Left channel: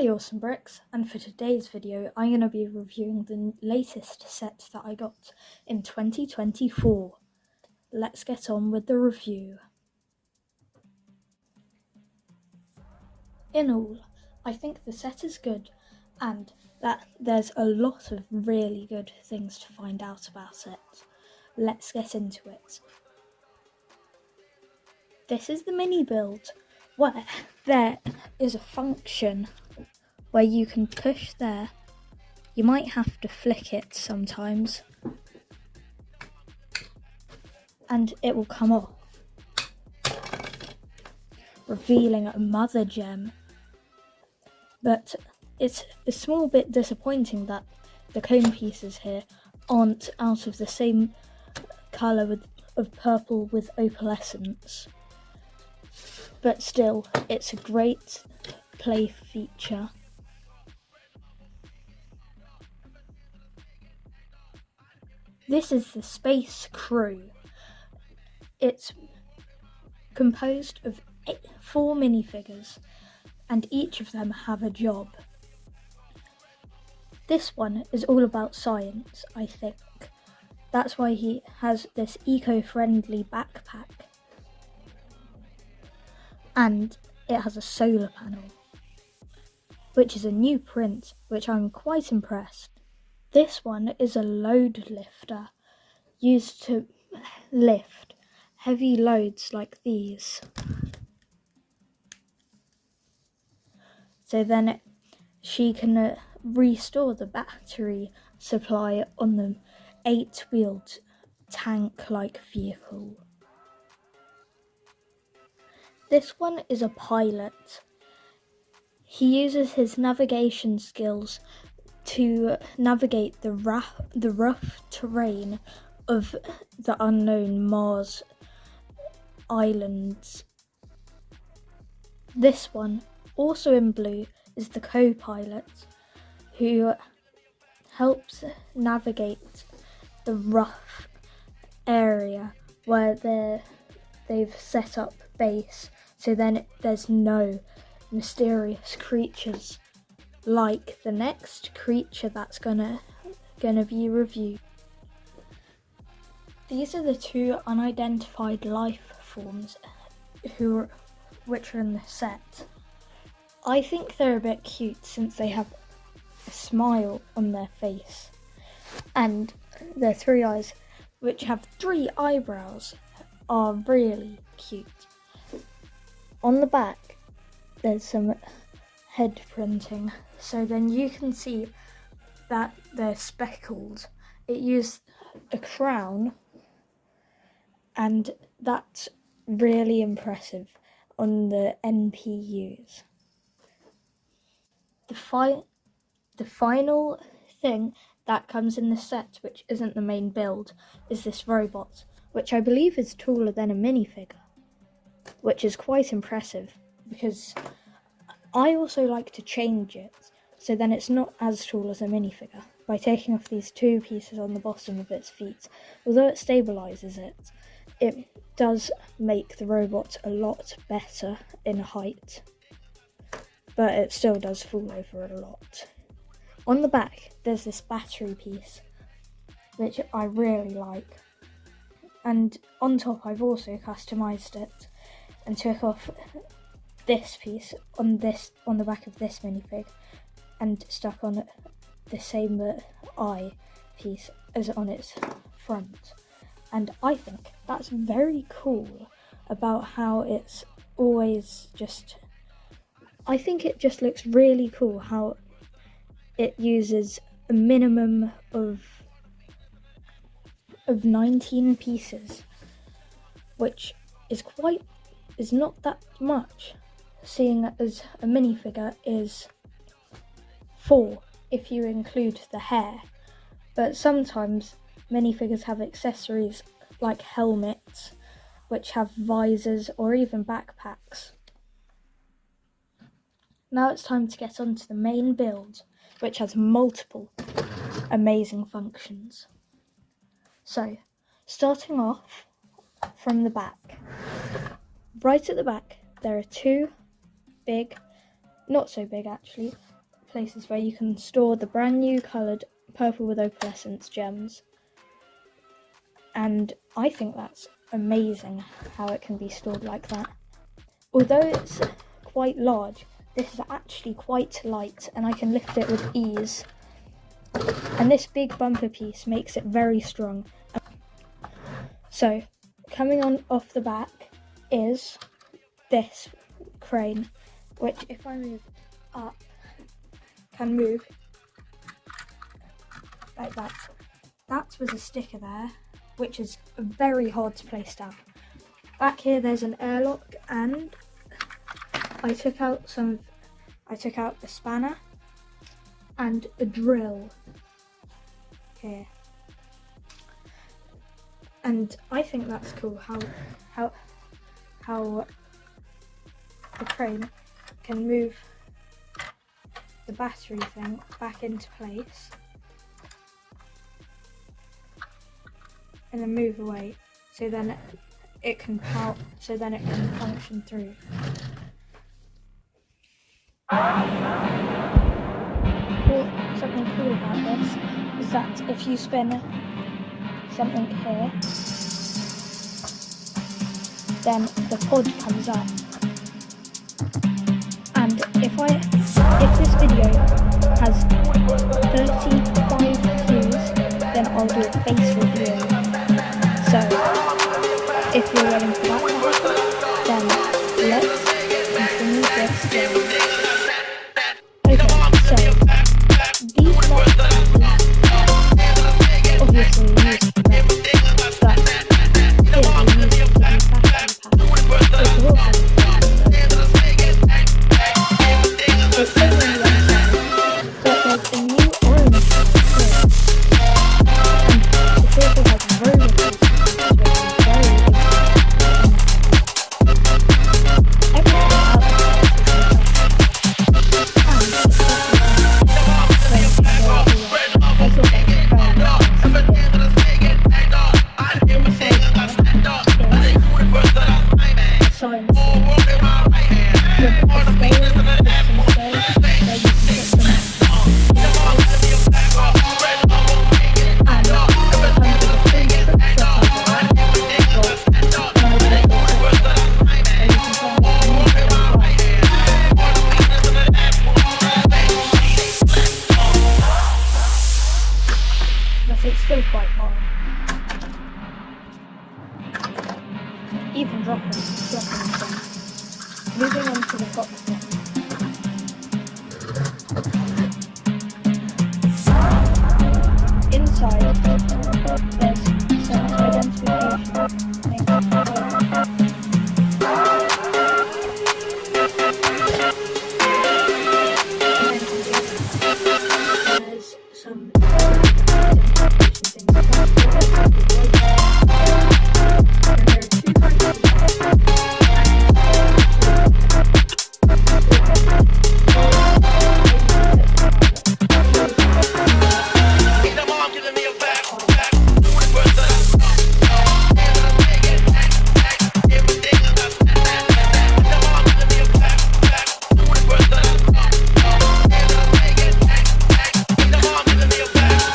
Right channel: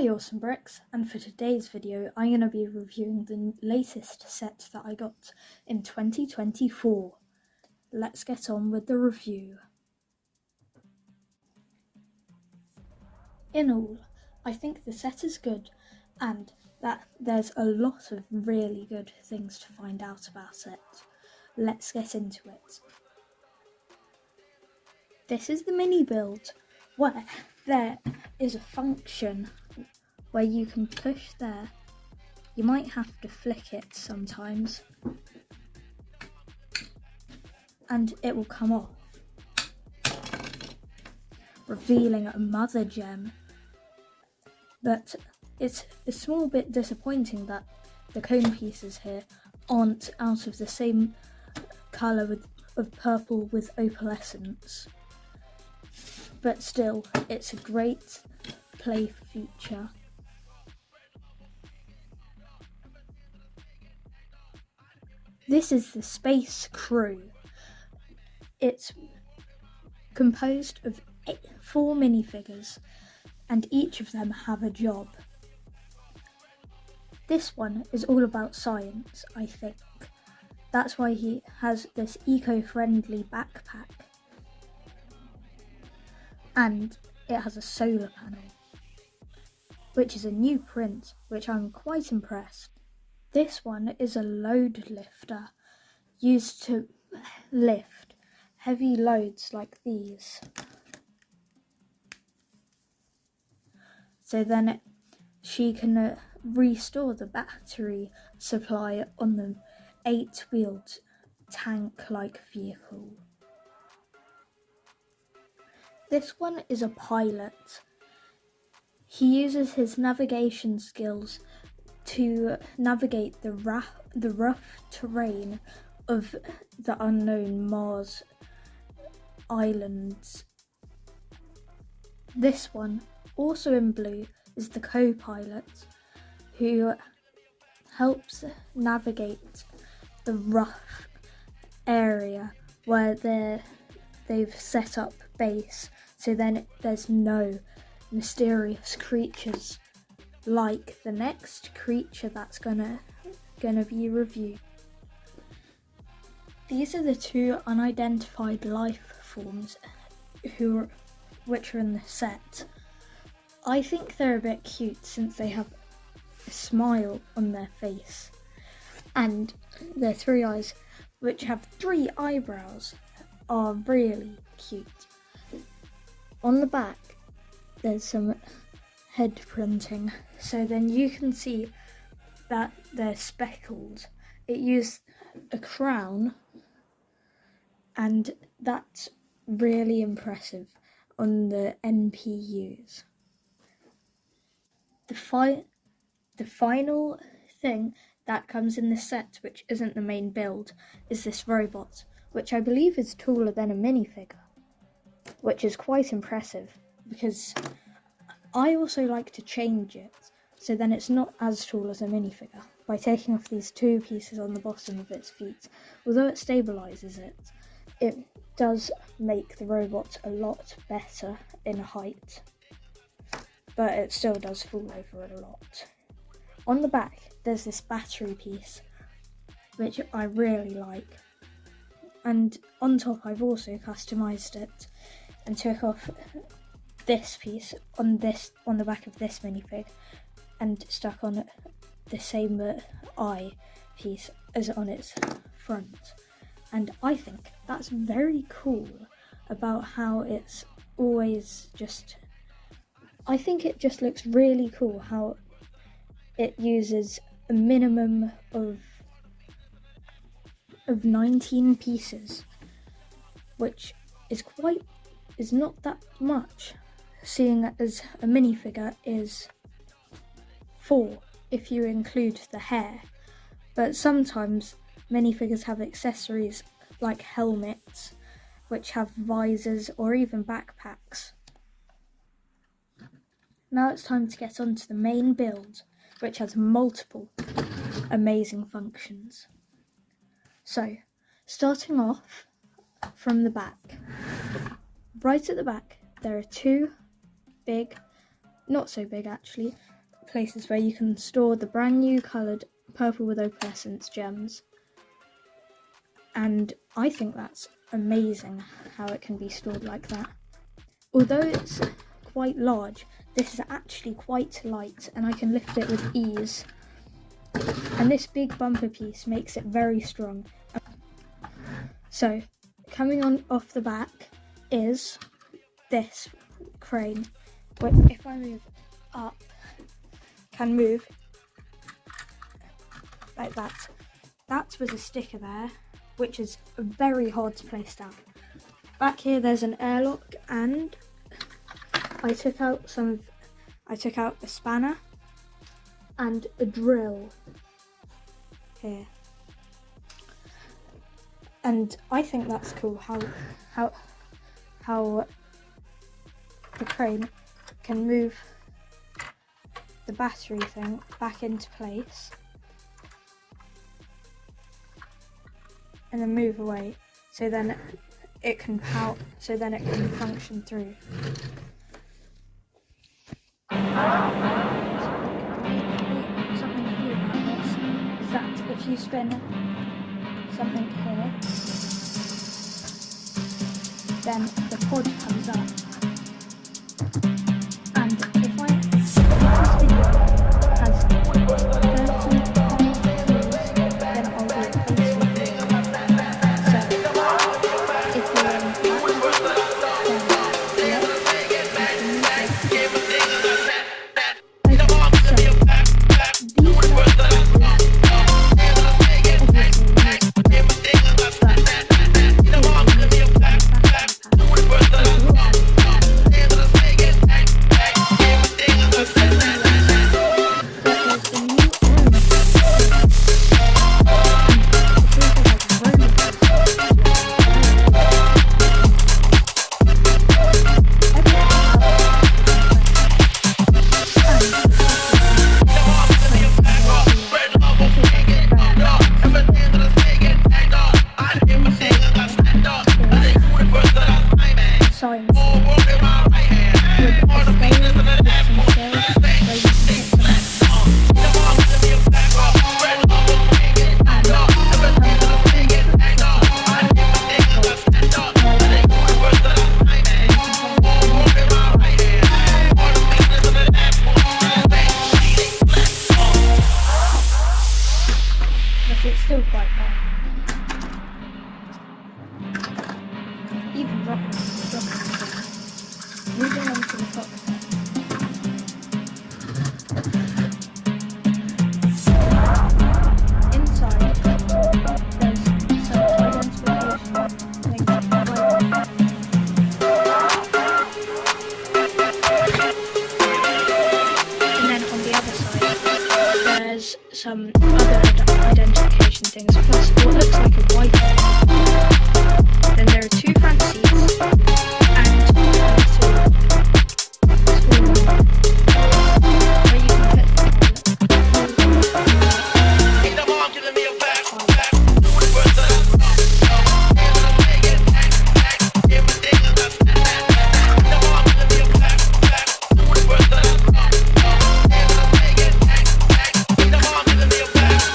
Hi Awesome Bricks, and for today's video I'm going to be reviewing the latest set that I got in 2024. Let's get on with the review. In all, I think the set is good and that there's a lot of really good things to find out about it. Let's get into it. This is the mini build where there is a function where you can push there. You might have to flick it sometimes and it will come off, revealing a mother gem. But it's a small bit disappointing that the cone pieces here aren't out of the same colour of purple with opalescence. But still, it's a great play feature. This is the Space Crew. It's composed of 4 minifigures, and each of them have a job. This one is all about science, I think. That's why he has this eco-friendly backpack. And it has a solar panel, which is a new print, which I'm quite impressed. This one is a load lifter, used to lift heavy loads like these. So then she can restore the battery supply on the 8-wheeled tank-like vehicle. This one is a pilot. He uses his navigation skills to navigate the rough terrain of the unknown Mars islands. This one, also in blue, is the co-pilot who helps navigate the rough area where they've set up base, so then there's no mysterious creatures like the next creature that's gonna be reviewed. These are the 2 unidentified life forms which are in the set. I think they're a bit cute since they have a smile on their face, and their 3 eyes, which have 3 eyebrows, are really cute. On the back there's some head printing, so then you can see that they're speckled. It used a crown, and that's really impressive on the NPUs. The final thing that comes in the set, which isn't the main build, is this robot, which I believe is taller than a minifigure, which is quite impressive because I also like to change it so then it's not as tall as a minifigure by taking off these 2 pieces on the bottom of its feet. Although it stabilises it, it does make the robot a lot better in height, but it still does fall over a lot. On the back there's this battery piece, which I really like, and on top I've also customised it and took off this piece on the back of this minifig and stuck on the same eye piece as on its front. And I think that's very cool about how it's always just... I think it just looks really cool how it uses a minimum of 19 pieces, which is not that much, seeing as a minifigure is 4 if you include the hair. But sometimes minifigures have accessories like helmets, which have visors or even backpacks. Now it's time to get on to the main build, which has multiple amazing functions. So, starting off from the back. Right at the back there are 2 big not so big actually, places where you can store the brand new coloured purple with opalescence gems. And I think that's amazing how it can be stored like that. Although it's quite large, this is actually quite light and I can lift it with ease. And this big bumper piece makes it very strong. So, coming on off the back is this crane, which if I move up, can move like that. That was a sticker there, which is very hard to place down. Back here there's an airlock, and I took out the spanner and a drill here. And I think that's cool how the crane can move the battery thing back into place and then move away, so then it can function through. Something cool about this is that if you spin something here, then the pod comes up. And if this video has 35 views, then I'll do a face reveal. So if you're in that, then let's remove this. It's still quite high. Even dropping things. Moving on to the cockpit. Inside, there's some identification things. And then on the other side, there's some other identification things, plus what looks like a white board. Then there are two front seats and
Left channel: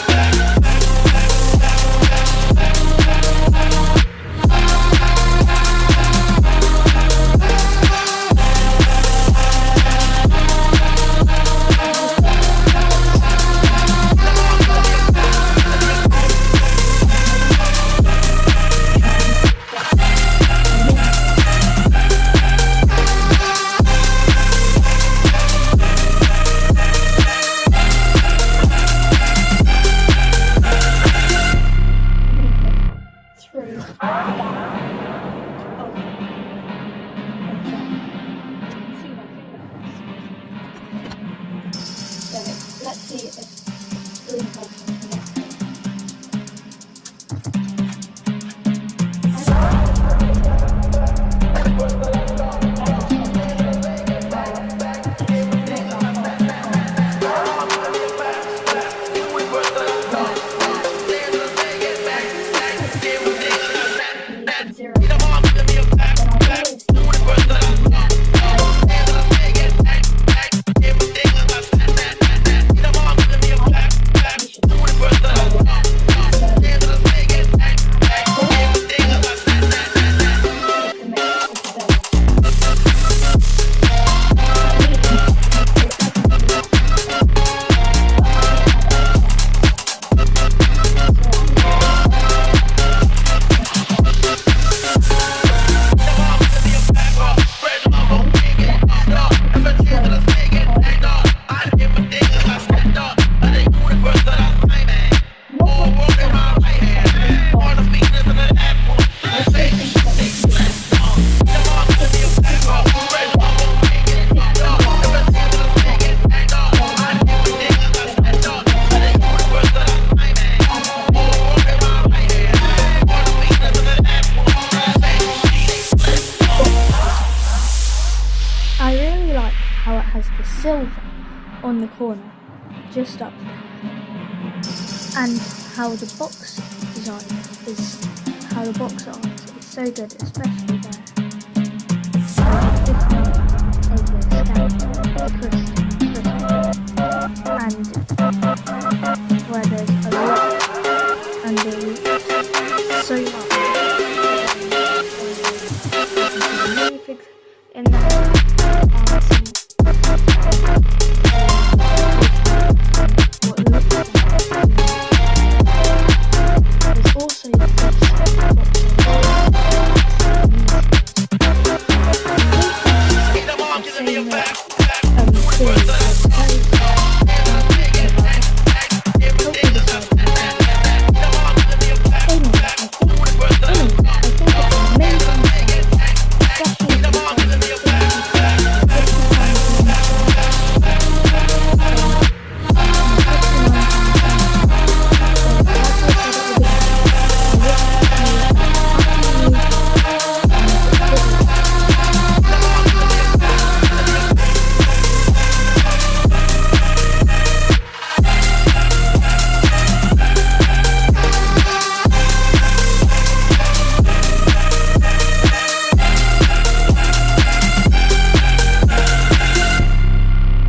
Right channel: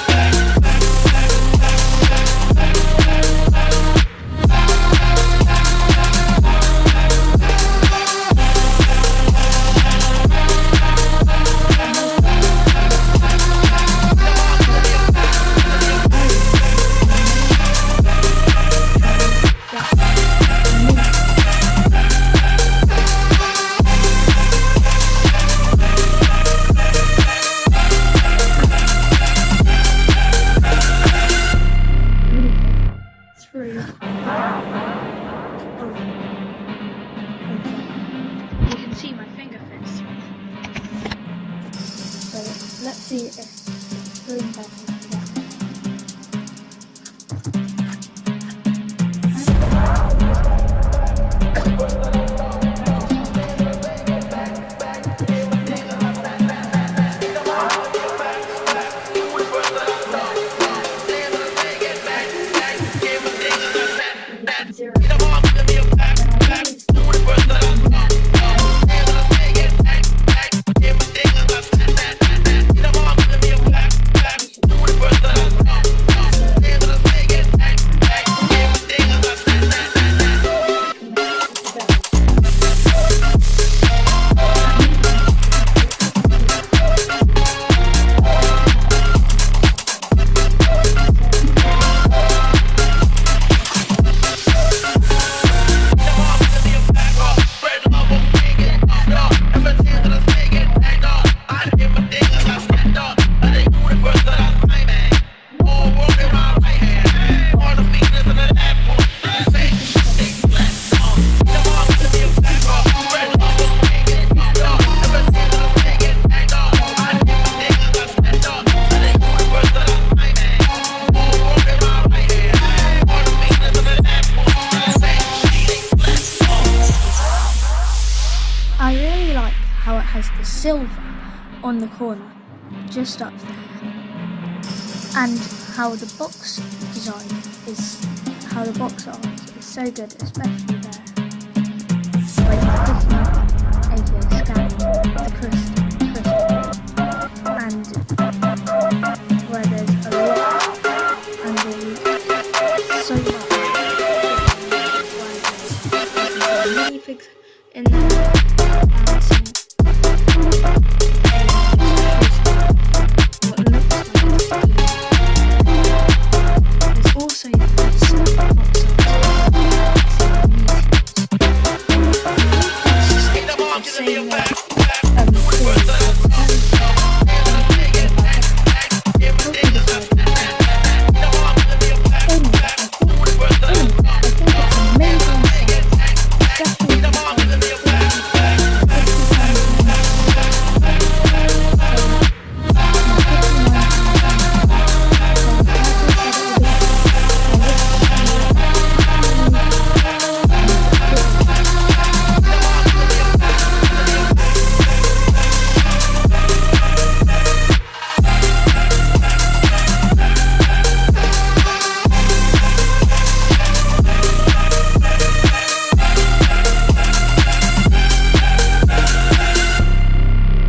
has the silver on the corner, just up there. And how the box design is, how the box art is so good, especially there.